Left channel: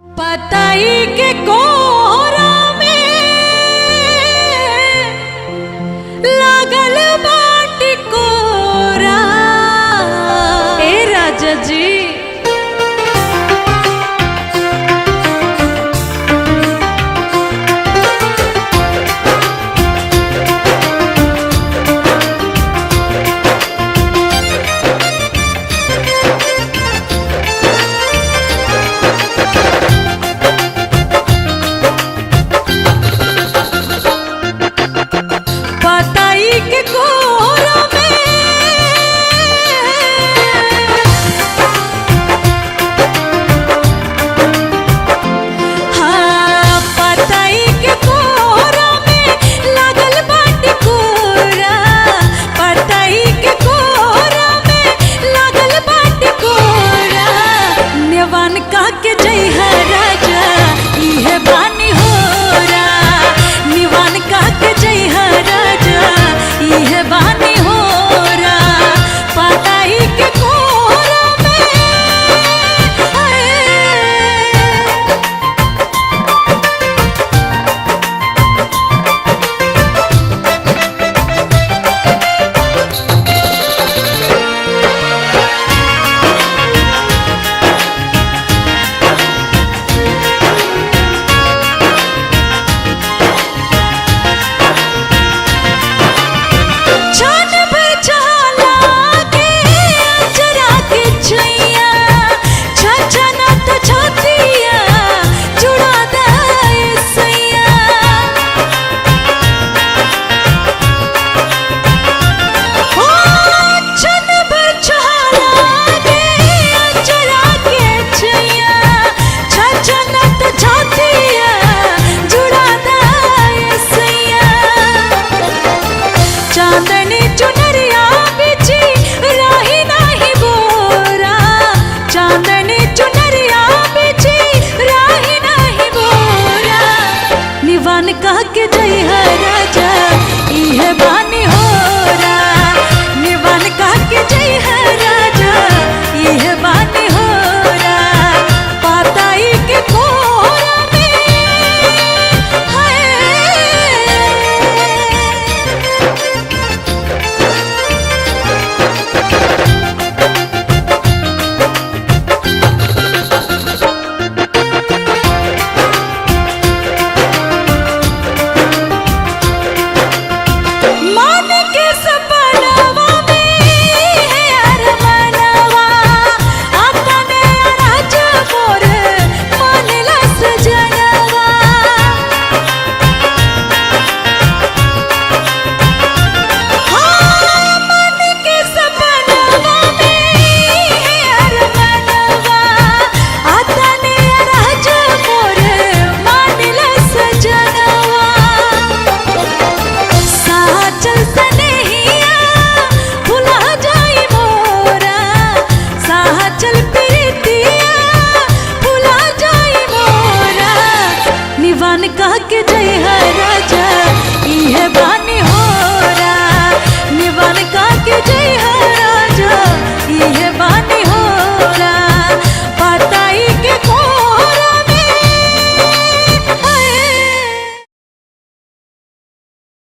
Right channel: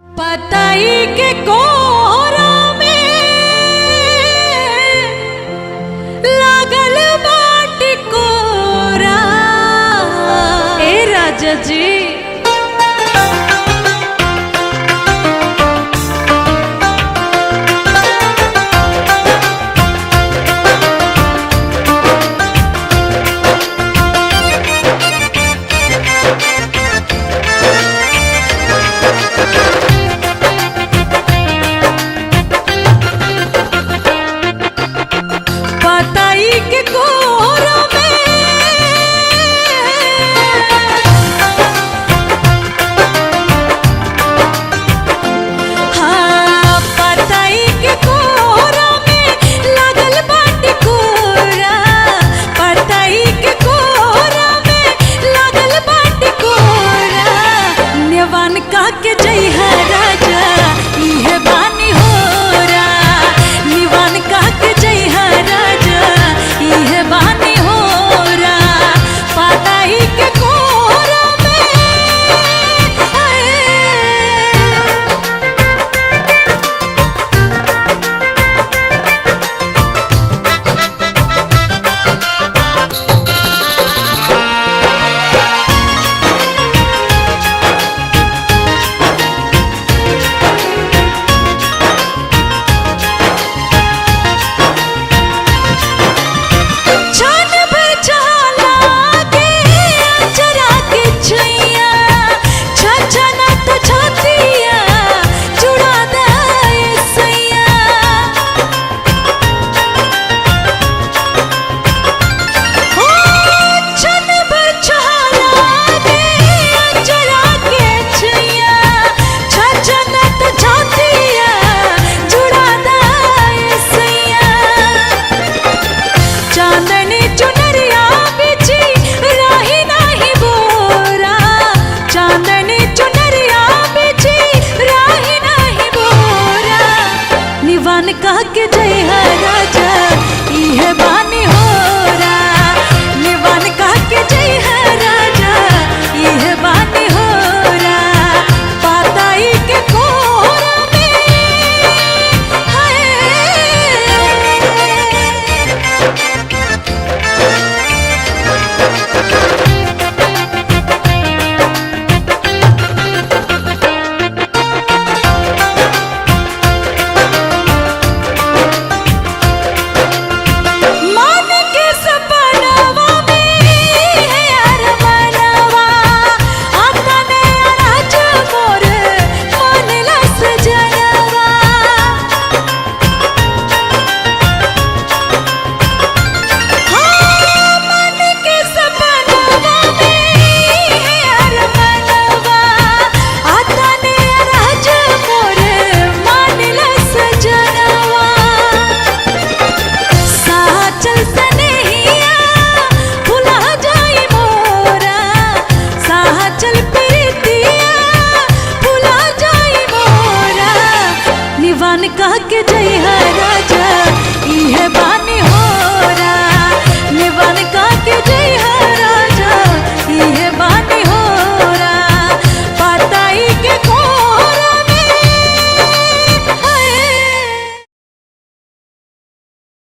पताई के कोहरा में लागल बाटी कोरा। ए राजा जी पताई के कोहरा में हाँ पताई के कोहरा में लागल बाटी कोरा। पताई के कोहरा में लागल बाटी कोरा। नेवान का के जई है राजा इहे बानी होरा। निवान का के जई है राजा इहे बानी होरा। पताई के कोहरा में चांदनी चुनरिया बिछी राही नाही बोरा। चांदनी चुनरिया बिछी राही नाही बोरा। निवान कह के जई है राजा इहे बानी होरा। निवान कह के जई है राजा इहे बानी होरा। पताई के को